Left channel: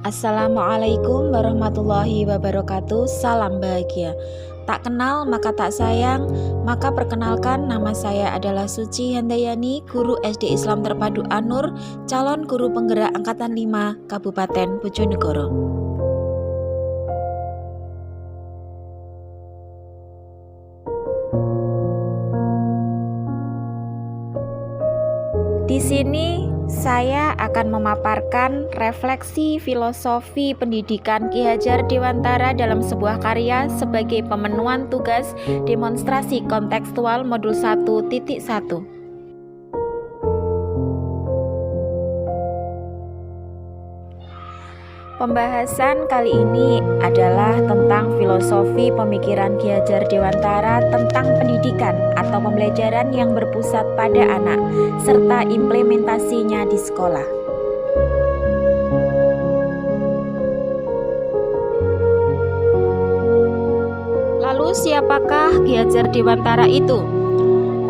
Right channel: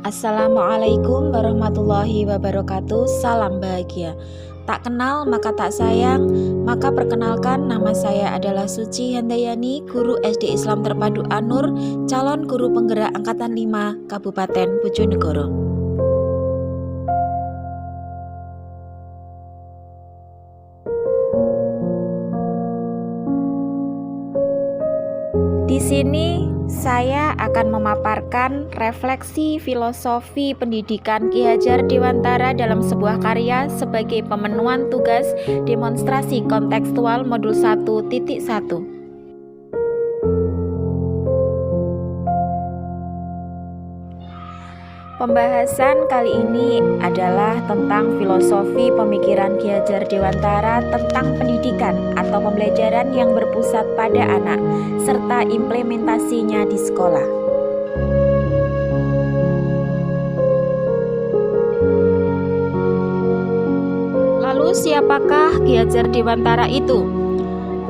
Assalamualaikum warahmatullahi wabarakatuh. Salam bahagia. Tak kenal maka tak sayang. Maka perkenalkan, nama saya adalah Suci Handayani, guru SD Islam Terpadu An-Nur, calon guru penggerak Angkatan 5 Kabupaten Bojonegoro. Di sini saya akan memaparkan refleksi filosofi pendidikan Ki Hajar Dewantara dalam sebuah karya sebagai pemenuhan tugas demonstrasi kontekstual modul 1.1. Pembahasan kali ini adalah tentang filosofi pemikiran Ki Hajar Dewantara tentang pendidikan atau pembelajaran yang berpusat pada anak, serta implementasinya di sekolah. Lalu siapakah Ki Hajar Dewantara itu?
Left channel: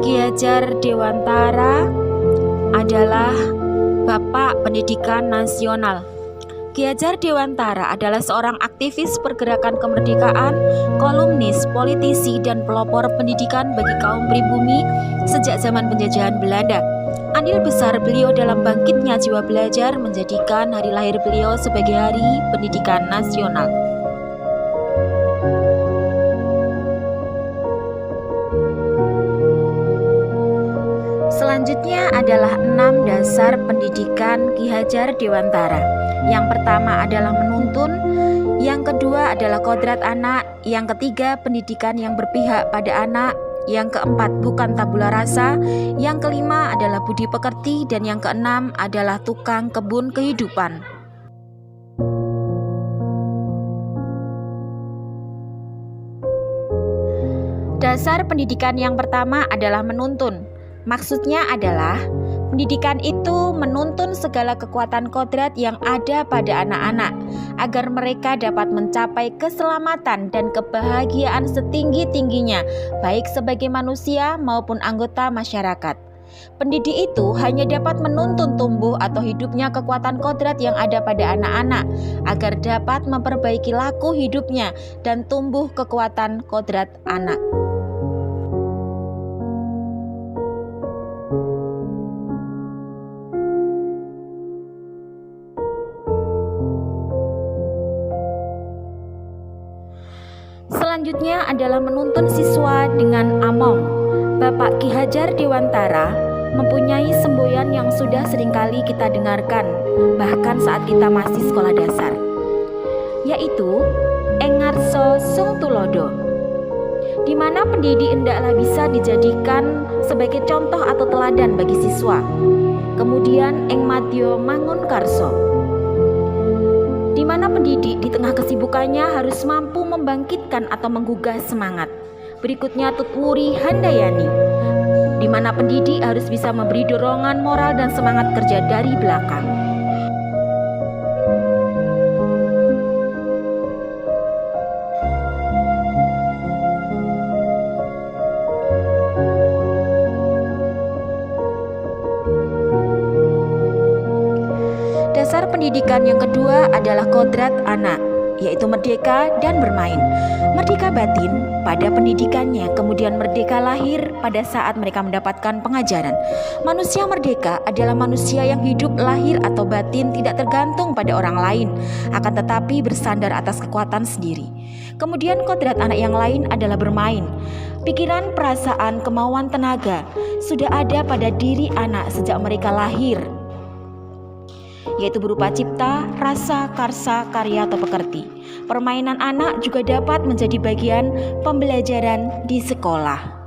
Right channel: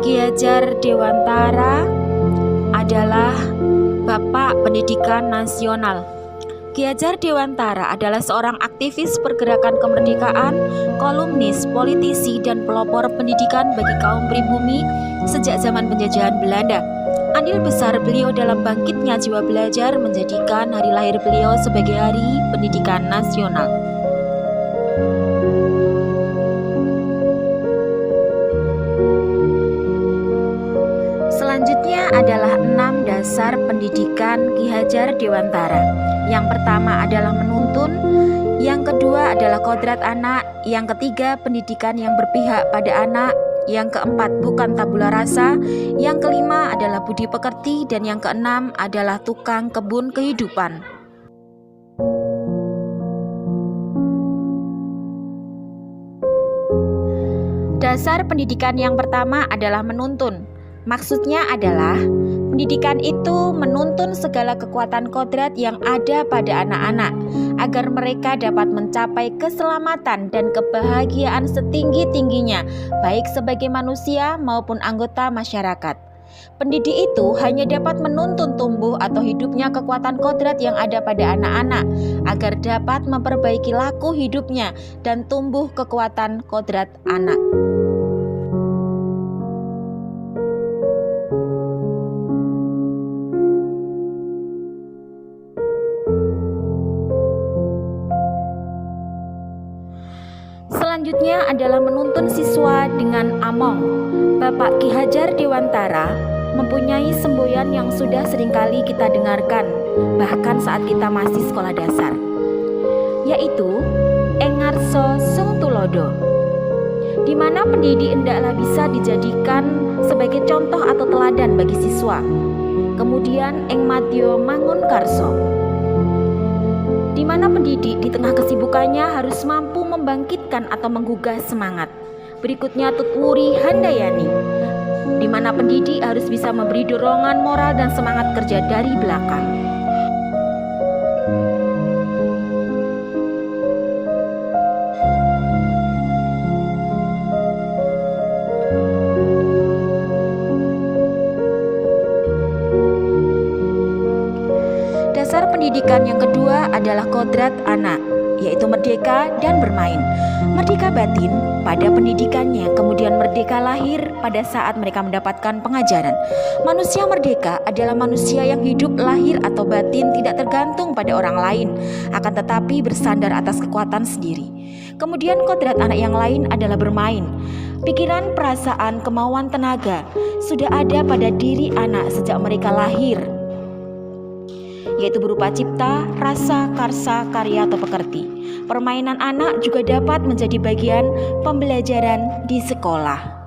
Ki Hajar Dewantara adalah Bapak Pendidikan Nasional. Ki Hajar Dewantara adalah seorang aktivis pergerakan kemerdekaan, kolumnis, politisi, dan pelopor pendidikan bagi kaum pribumi sejak zaman penjajahan Belanda. Andil besar beliau dalam bangkitnya jiwa belajar menjadikan hari lahir beliau sebagai Hari Pendidikan Nasional. Selanjutnya adalah 6 dasar pendidikan Ki Hajar Dewantara. Yang pertama adalah menuntun, yang kedua adalah kodrat anak, yang ketiga pendidikan yang berpihak pada anak, yang keempat bukan tabula rasa, yang kelima adalah budi pekerti, dan yang keenam adalah tukang kebun kehidupan. Dasar pendidikan yang pertama adalah menuntun. Maksudnya adalah pendidikan itu menuntun segala kekuatan kodrat yang ada pada anak-anak agar mereka dapat mencapai keselamatan dan kebahagiaan setinggi-tingginya, baik sebagai manusia maupun anggota masyarakat. Pendidik itu hanya dapat menuntun tumbuh atau hidupnya kekuatan kodrat yang ada pada anak-anak agar dapat memperbaiki laku hidupnya dan tumbuh kekuatan kodrat anak. Selanjutnya adalah menuntun siswa dengan among. Bapak Ki Hajar Dewantara mempunyai semboyan yang sudah seringkali kita dengarkan, bahkan saat kita masih sekolah dasar, yaitu Engarso Sung Tulodo, di mana pendidik hendaklah bisa dijadikan sebagai contoh atau teladan bagi siswa. Kemudian Eng Madyo Mangun Karso, di mana pendidik di tengah kesibukannya harus mampu membangkitkan atau menggugah semangat. Berikutnya Tutwuri Handayani, di mana pendidik harus bisa memberi dorongan moral dan semangat kerja dari belakang. Dasar pendidikan yang kedua adalah kodrat anak, yaitu merdeka dan bermain. Merdeka batin pada pendidikannya, kemudian merdeka lahir pada saat mereka mendapatkan pengajaran. Manusia merdeka adalah manusia yang hidup lahir atau batin tidak tergantung pada orang lain, akan tetapi bersandar atas kekuatan sendiri. Kemudian kodrat anak yang lain adalah bermain. Pikiran, perasaan, kemauan, tenaga sudah ada pada diri anak sejak mereka lahir, yaitu berupa cipta, rasa, karsa, karya, atau pekerti. Permainan anak juga dapat menjadi bagian pembelajaran di sekolah.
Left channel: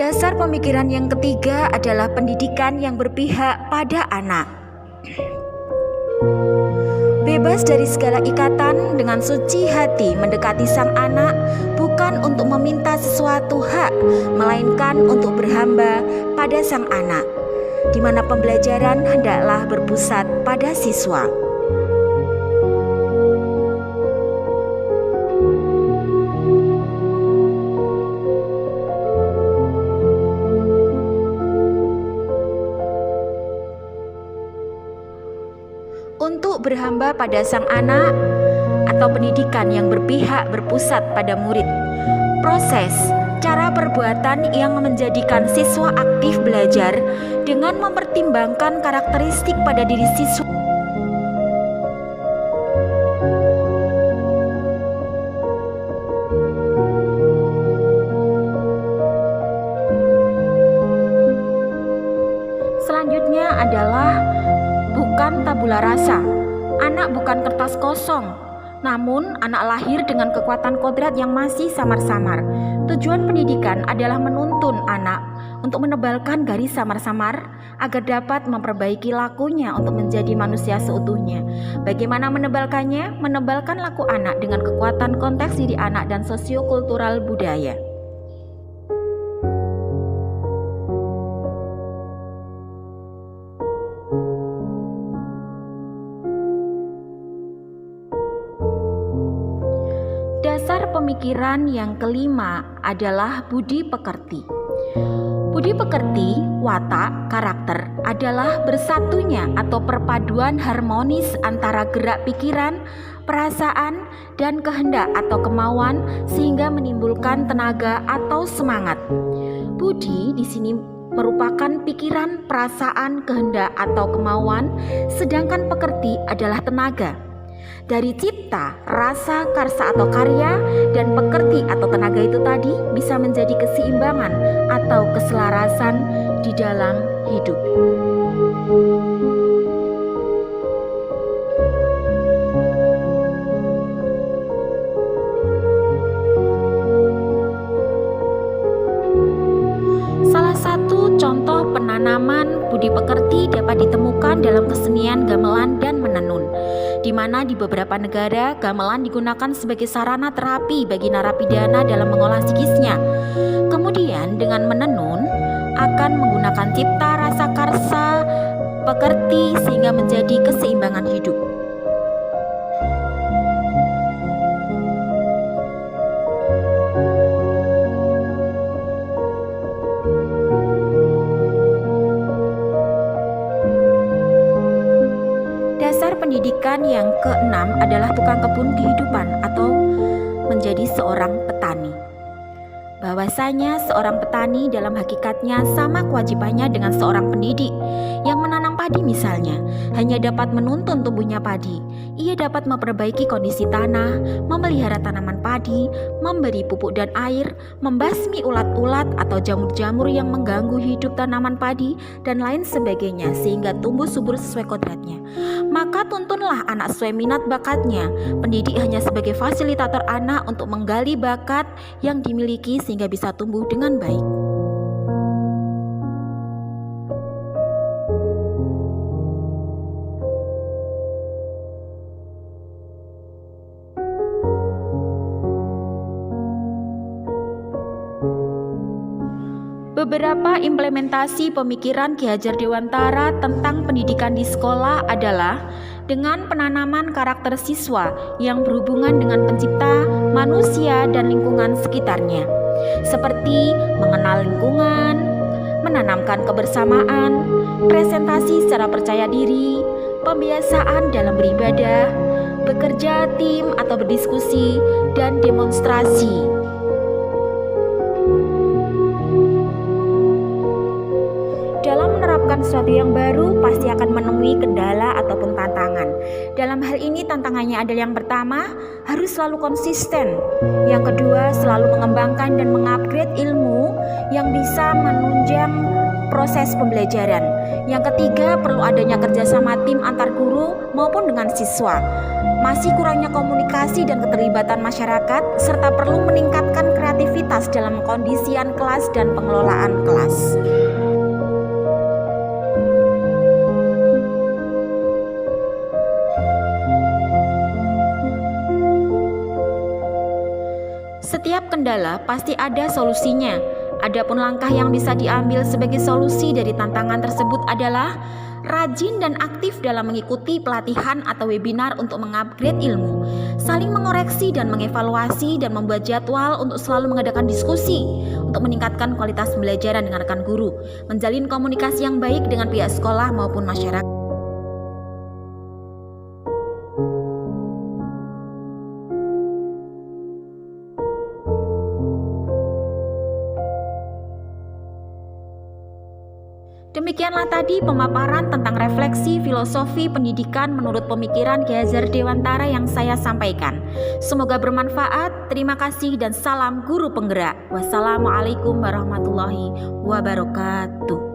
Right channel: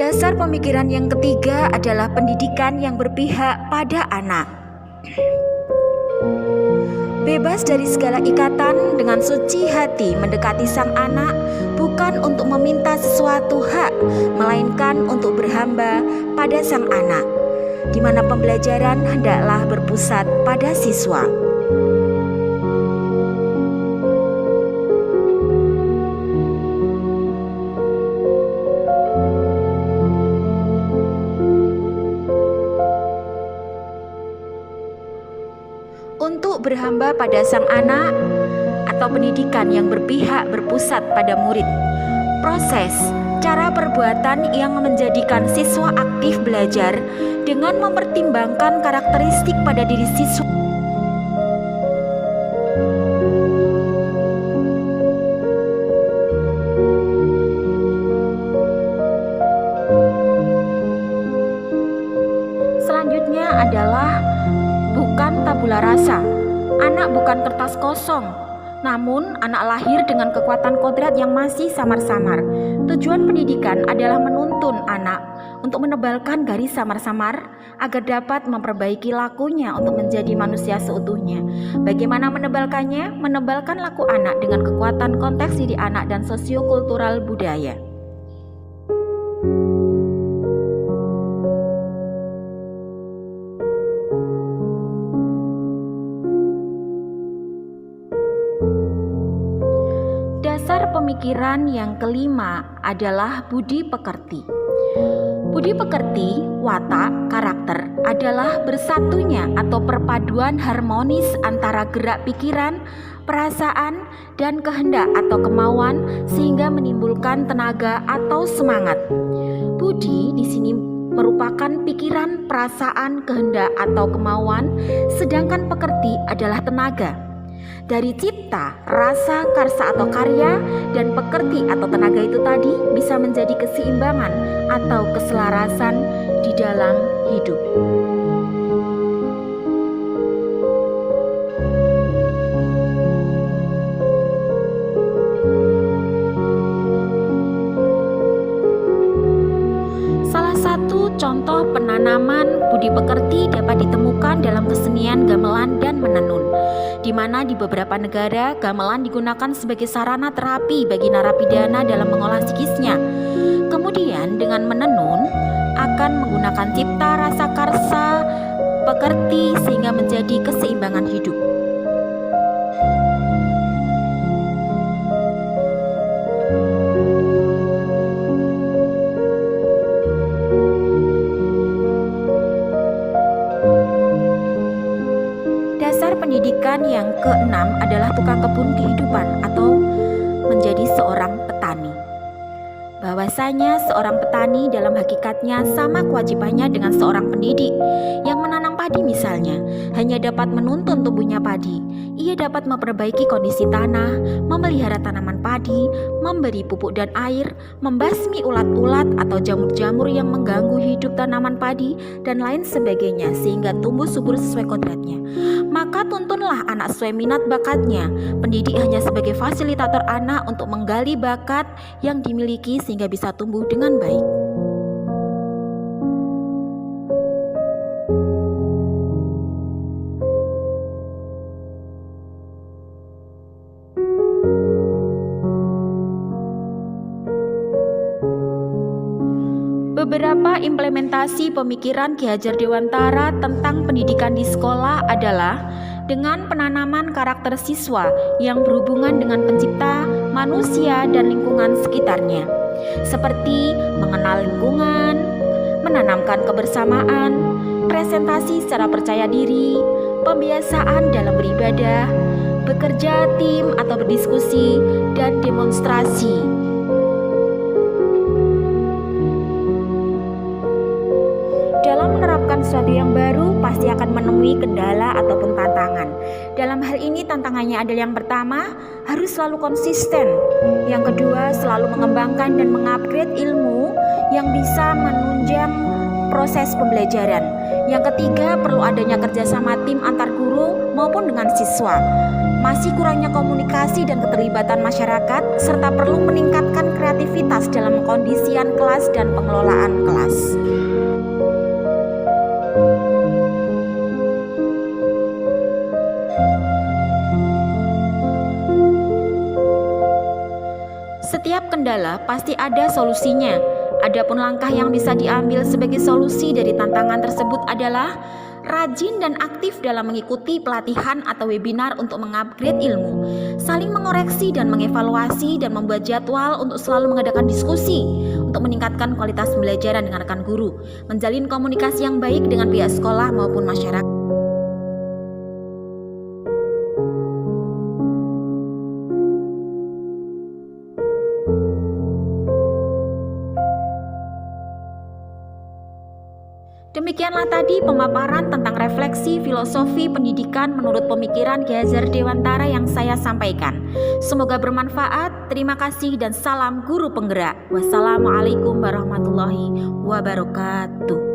Dasar pemikiran yang ketiga adalah pendidikan yang berpihak pada anak. Bebas dari segala ikatan, dengan suci hati mendekati sang anak, bukan untuk meminta sesuatu hak, melainkan untuk berhamba pada sang anak, di mana pembelajaran hendaklah berpusat pada siswa. Untuk berhamba pada sang anak atau pendidikan yang berpihak berpusat pada murid. Proses, cara perbuatan yang menjadikan siswa aktif belajar dengan mempertimbangkan karakteristik pada diri siswa. Selanjutnya adalah bukan tabula rasa. Anak bukan kertas kosong, namun anak lahir dengan kekuatan kodrat yang masih samar-samar. Tujuan pendidikan adalah menuntun anak untuk menebalkan garis samar-samar agar dapat memperbaiki lakunya untuk menjadi manusia seutuhnya. Bagaimana menebalkannya? Menebalkan laku anak dengan kekuatan konteks diri anak dan sosiokultural budaya. Dasar pemikiran yang kelima adalah budi pekerti. Budi pekerti, watak, karakter adalah bersatunya atau perpaduan harmonis antara gerak pikiran, perasaan, dan kehendak atau kemauan sehingga menimbulkan tenaga atau semangat. Budi di sini merupakan pikiran, perasaan, kehendak atau kemauan, sedangkan pekerti adalah tenaga. Dari cipta, rasa, karsa atau karya, dan pekerti atau tenaga itu tadi bisa menjadi keseimbangan atau keselarasan di dalam hidup. Salah satu contoh penanaman budi pekerti dapat ditemukan dalam kesenian gamelan dan menenun, di mana di beberapa negara gamelan digunakan sebagai sarana terapi bagi narapidana dalam mengolah psikisnya. Kemudian dengan menenun akan menggunakan cipta, rasa, karsa, pekerti sehingga menjadi keseimbangan hidup. Dasar pendidikan yang keenam adalah tukang kebun kehidupan atau menjadi seorang petani. Bahwasanya seorang petani dalam hakikatnya sama kewajibannya dengan seorang pendidik yang menanam padi misalnya, hanya dapat menuntun tumbuhnya padi. Ia dapat memperbaiki kondisi tanah, memelihara tanaman padi, memberi pupuk dan air, membasmi ulat-ulat atau jamur-jamur yang mengganggu hidup tanaman padi, dan lain sebagainya sehingga tumbuh subur sesuai kodratnya. Maka tuntunlah anak sesuai minat bakatnya. Pendidik hanya sebagai fasilitator anak untuk menggali bakat yang dimiliki sehingga bisa tumbuh dengan baik. Beberapa implementasi pemikiran Ki Hajar Dewantara tentang pendidikan di sekolah adalah dengan penanaman karakter siswa yang berhubungan dengan pencipta, manusia, dan lingkungan sekitarnya, seperti mengenal lingkungan, menanamkan kebersamaan, presentasi secara percaya diri, pembiasaan dalam beribadah, bekerja tim atau berdiskusi, dan demonstrasi. Dalam menerapkan sesuatu yang baru, pasti akan menemui kendala ataupun tantangan. Dalam hal ini tantangannya adalah yang pertama, harus selalu konsisten. Yang kedua, selalu mengembangkan dan mengupgrade ilmu yang bisa menunjang proses pembelajaran. Yang ketiga, perlu adanya kerjasama tim antar guru maupun dengan siswa. Masih kurangnya komunikasi dan keterlibatan masyarakat, serta perlu meningkatkan kreativitas dalam pengkondisian kelas dan pengelolaan kelas. kendala pasti ada solusinya. Adapun langkah yang bisa diambil sebagai solusi dari tantangan tersebut adalah rajin dan aktif dalam mengikuti pelatihan atau webinar untuk mengupgrade ilmu, saling mengoreksi dan mengevaluasi, dan membuat jadwal untuk selalu mengadakan diskusi untuk meningkatkan kualitas pembelajaran dengan rekan guru, menjalin komunikasi yang baik dengan pihak sekolah maupun masyarakat. Demikianlah tadi pemaparan tentang refleksi filosofi pendidikan menurut pemikiran Ki Hajar Dewantara yang saya sampaikan. Semoga bermanfaat. Terima kasih dan salam guru penggerak. Wassalamualaikum warahmatullahi wabarakatuh.